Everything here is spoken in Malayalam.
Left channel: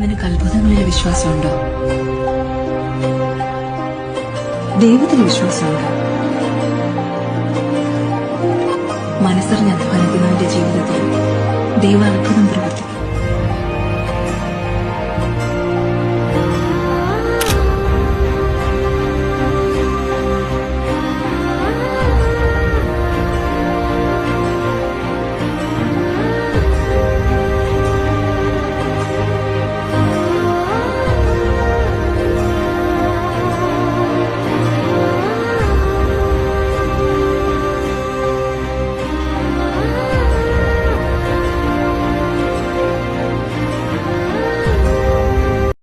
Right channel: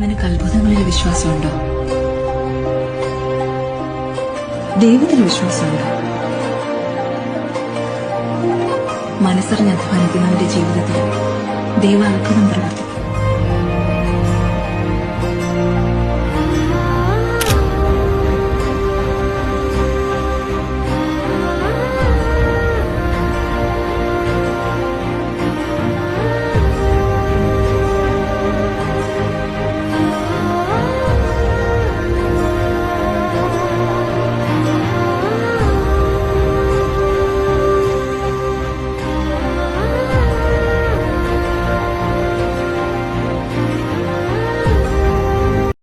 നിനക്ക് അത്ഭുതങ്ങളിൽ വിശ്വാസമുണ്ടോ? ദൈവത്തിൽ വിശ്വാസമുണ്ടോ? മനസ്സറിഞ്ഞ് അധ്വാനിക്കുന്നവന്റെ ജീവിതത്തിൽ ദൈവ അത്ഭുതം പ്രവർത്തിക്കും.